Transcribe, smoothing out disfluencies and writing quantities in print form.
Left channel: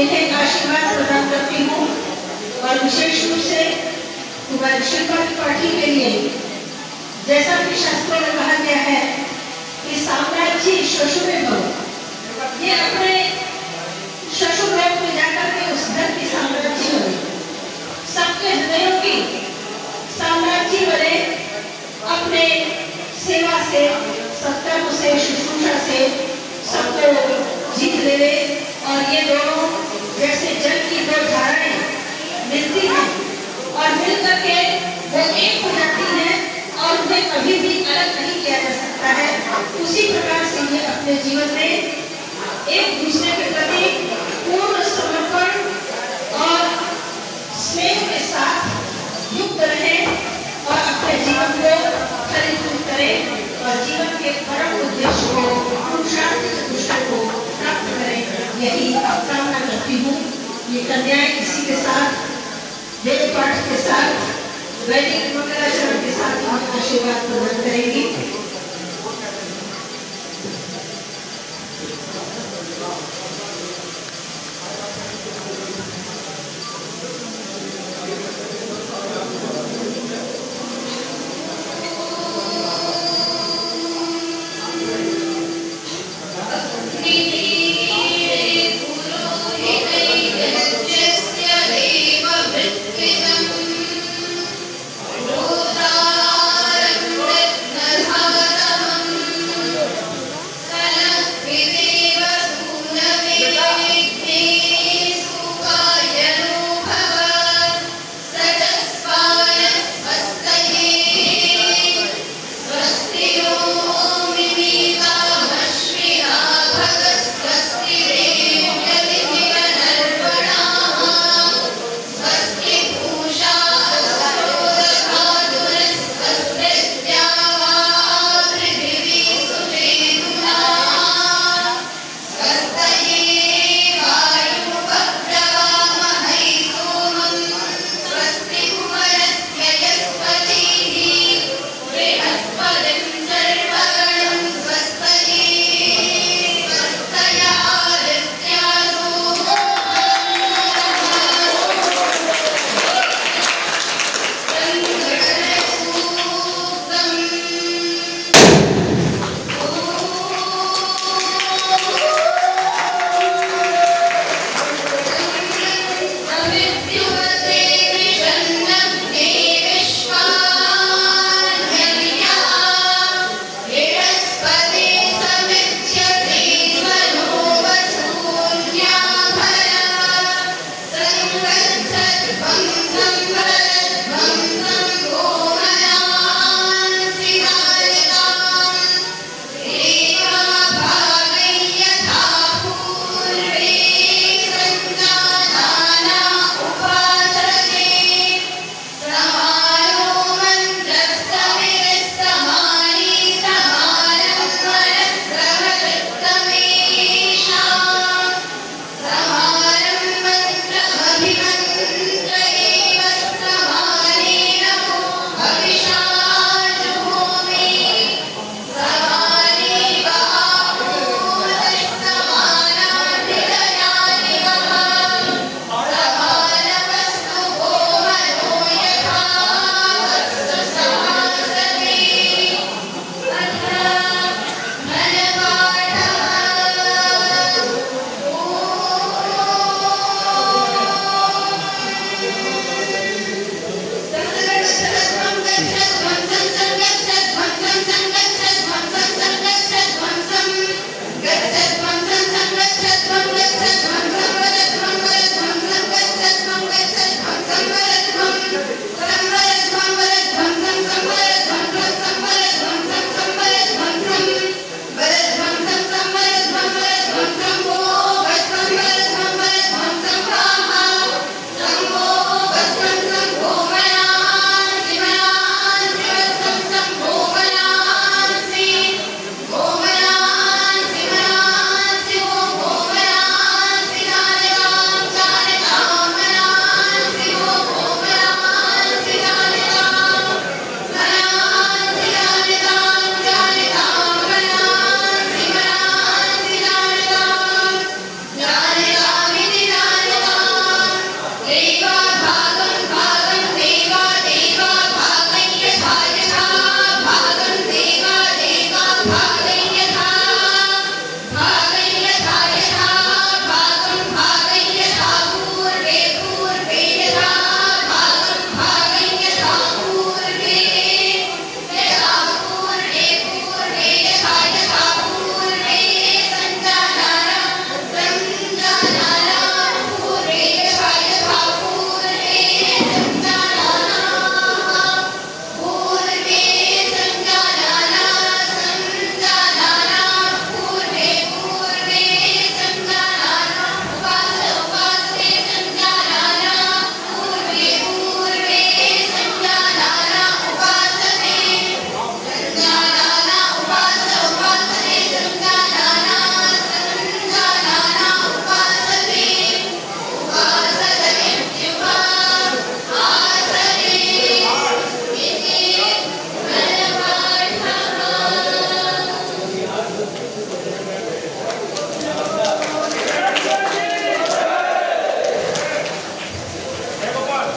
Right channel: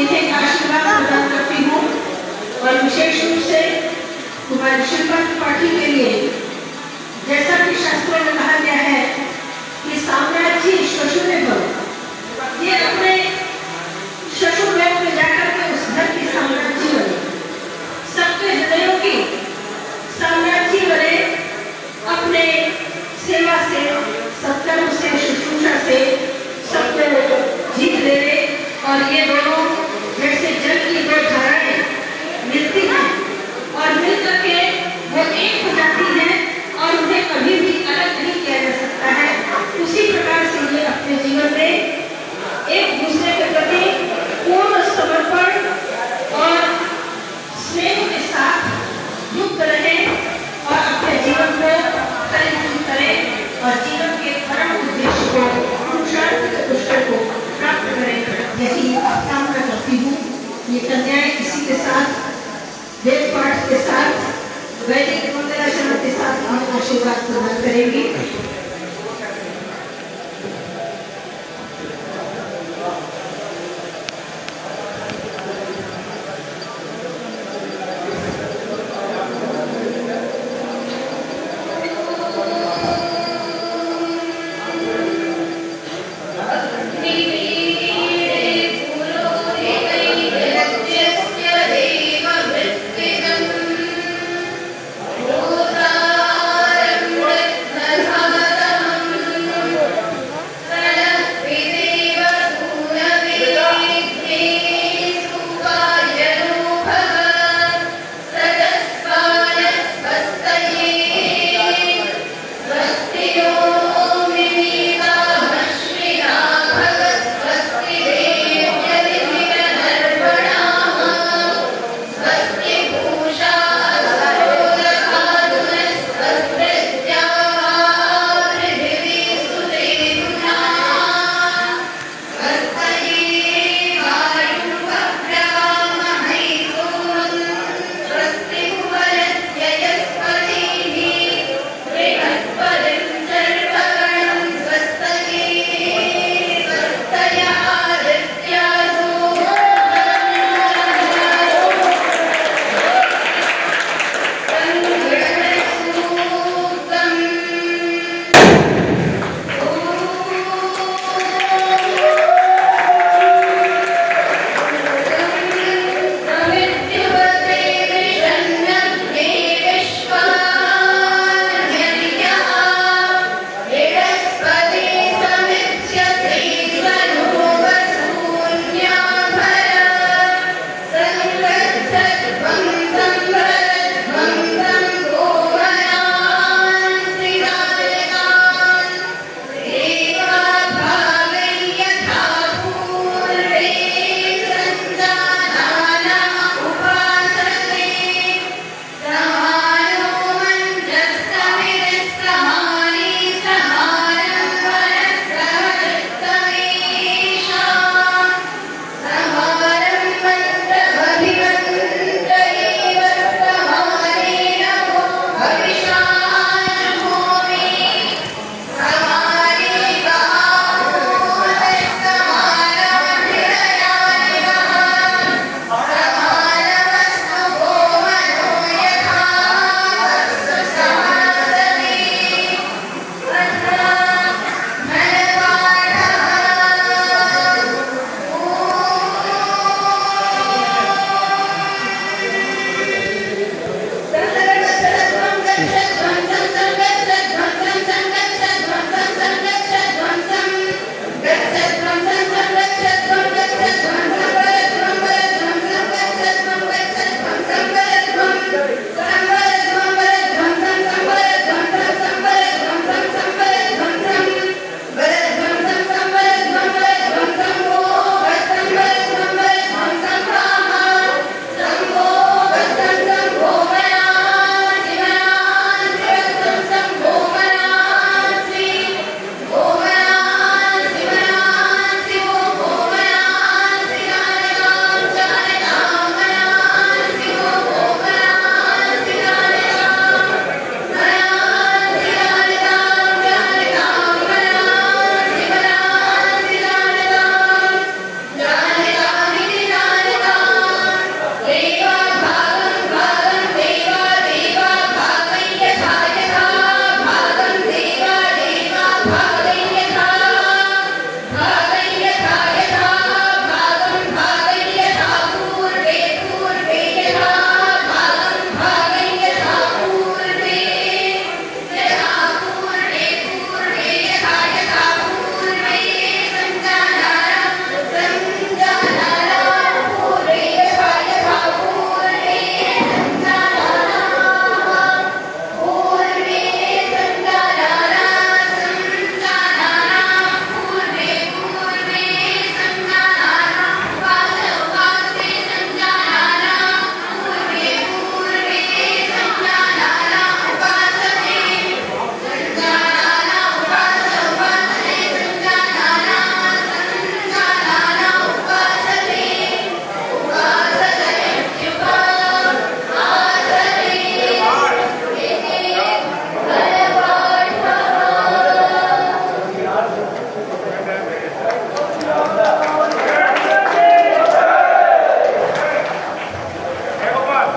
इन्हें आशीर्वाद प्रदान करती हूँ और विशेष रूप से तुम्हारी शिल्पा त्रिपाठी के लिए, जैसा कि शास्त्रों में कहा गया है कि साम्राज्य श्वशुरे भव, ये अपने श्वशुर लोक में जाकर के उस घर की साम्राज्य बने, सबके हृदयों की साम्राज्य बने, अपने सेवा से, सत्कर्म से, शुश्रूषा से सबको जीत ले। और ये दोनों जैसे जल की दो धाराएं मिलती हैं और मिलकर के वो एक हो जाती हैं और उन्हें कभी भी अलग नहीं किया जा सकता है, उसी प्रकार से ये अपने जीवन में एक दूसरे के प्रति पूर्ण समर्पण और स्नेह के साथ युक्त रहे और अपने जीवन को परिपूर्ण करें और जीवन के परम उद्देश्य को, पुरुषार्थ चतुष्टय को प्राप्त करें, यही कामना करती हूँ। ये कन्याएं इसी के साथ, वेद पाठ के साथ, वैदिक मंगलाचरण के साथ आशीर्वाद प्रदान करेंगी।